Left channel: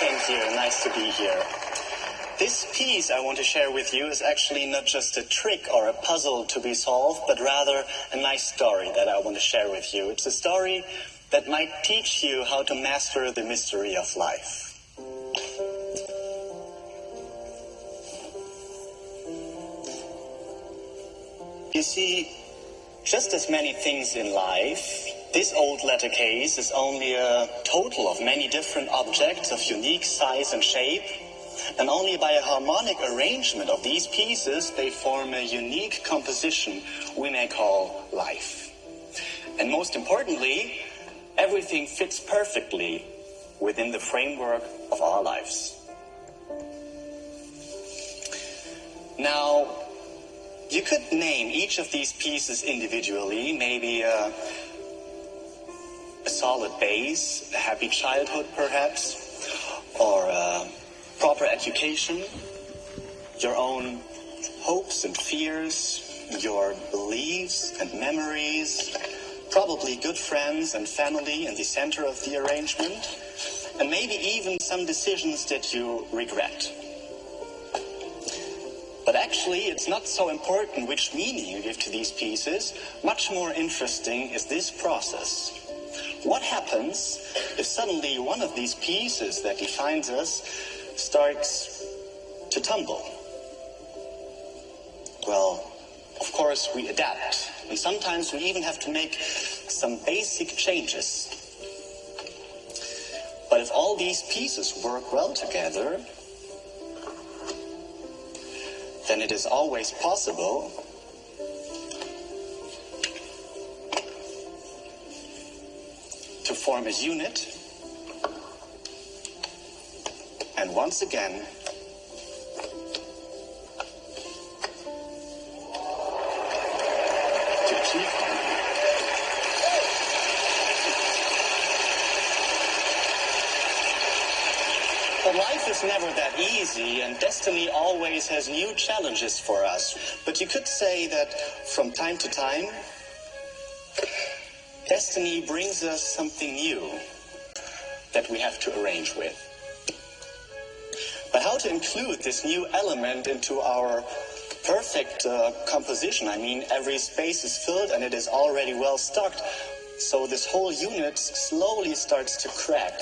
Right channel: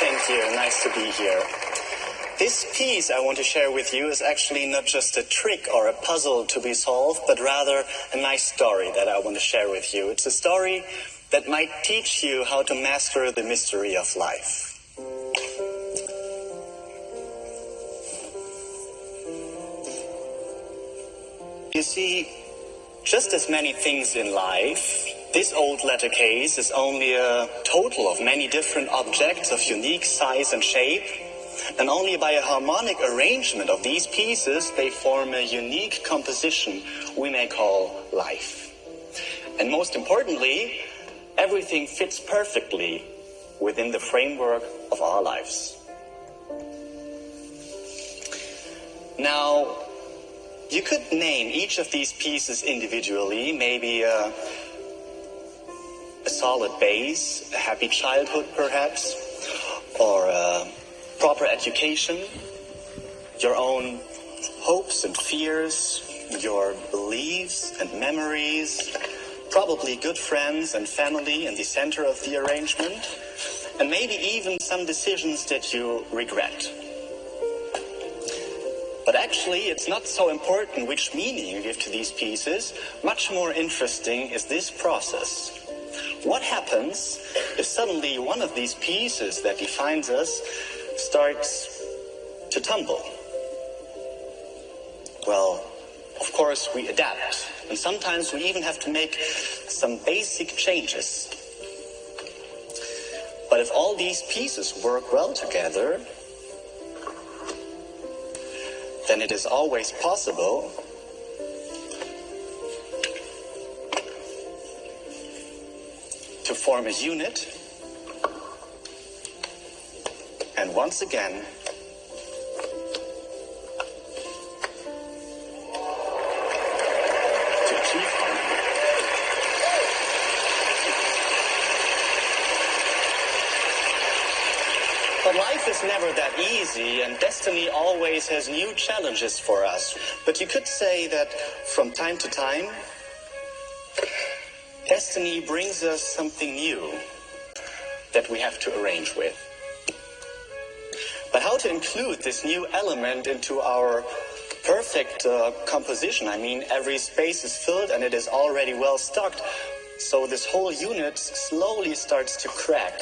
Thank you. Nice to be here. This piece I want to share with you is actually not just a trick or a puzzle to be solved, but rather a nice story that I want to share with you. It's a story that might teach you how to master the mystery of life. You see, just as many things in life, this old letter case is only a total of many different objects of unique size and shape, and only by a harmonic arrangement of these pieces they form a unique composition we may call life. And most importantly, everything fits perfectly within the framework of our lives. Now, you could name each of these pieces individually, maybe a solid base, a happy childhood perhaps, or a proper education, your own hopes and fears, your beliefs and memories, probably good friends and family in the center of the arrangement, and maybe even some decisions that you regret. But actually, it's not so important which meaning you give to these pieces. Much more interesting is this process. What happens if suddenly one of these pieces that defines us starts to tumble? Well, of course, we adapt. And sometimes we even have to make some basic changes. But if all these pieces work well together, then it is always possible to form a unit and once again to keep harmony. But life is never that easy, and destiny always has new challenges for us. But you could say that from time to time, destiny brings us something new that we have to arrange with. But how to include this new element into our perfect composition? I mean, every space is filled and it is already well stocked. So this whole unit slowly starts to crack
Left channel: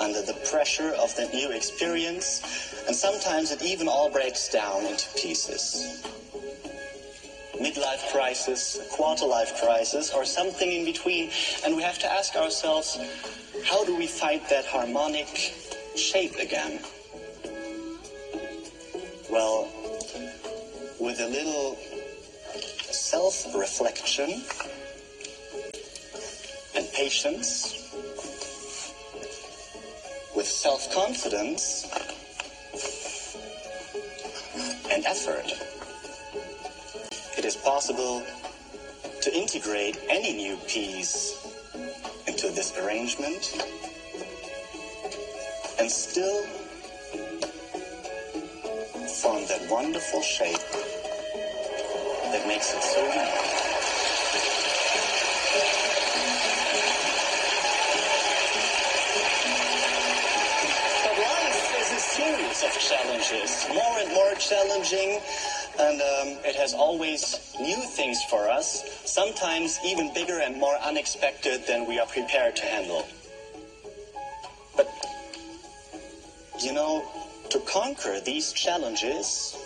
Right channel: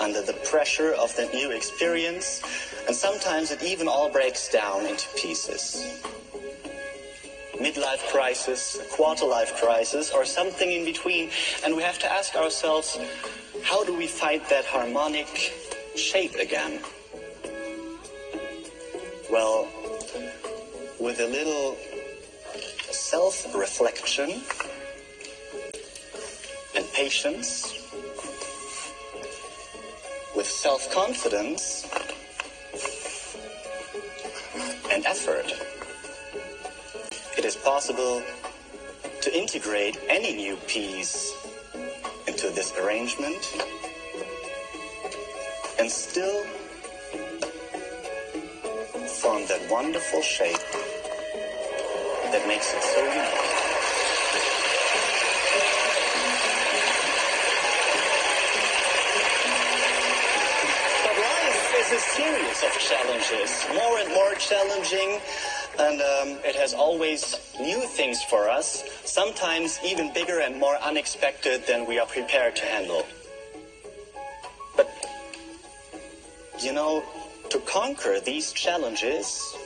under the pressure of the new experience, and sometimes it even all breaks down into pieces. Midlife crisis, quarter-life crisis, or something in between, and we have to ask ourselves, how do we find that harmonic shape again? Well, with a little self-reflection and patience, with self-confidence and effort, it is possible to integrate any new piece into this arrangement and still form that wonderful shape that makes it so unique. A series of challenges, more and more challenging, and it has always new things for us, sometimes even bigger and more unexpected than we are prepared to handle. But, you know, to conquer these challenges,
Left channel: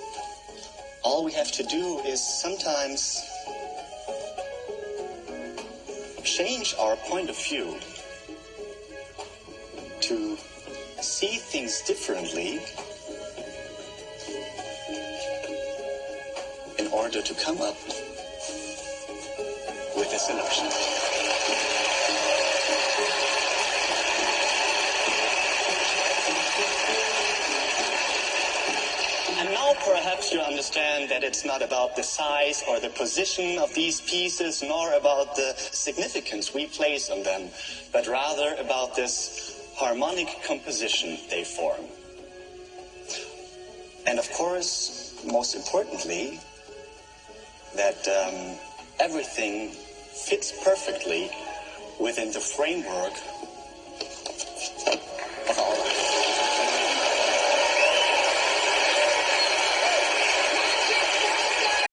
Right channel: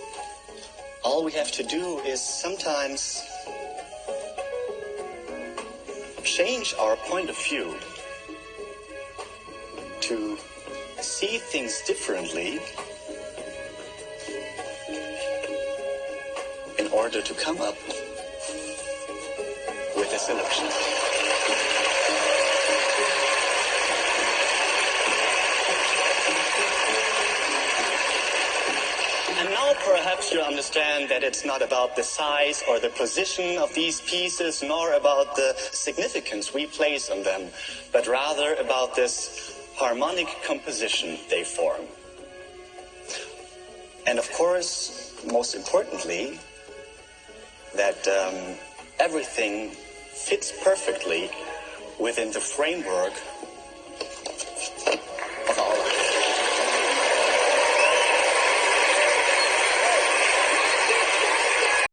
all we have to do is sometimes change our point of view to see things differently in order to come up with a solution. And now perhaps you understand that it's not about the size or the position of these pieces, nor about the significance we place on them, but rather about this harmonic composition they form. And of course, most importantly, that everything fits perfectly within the framework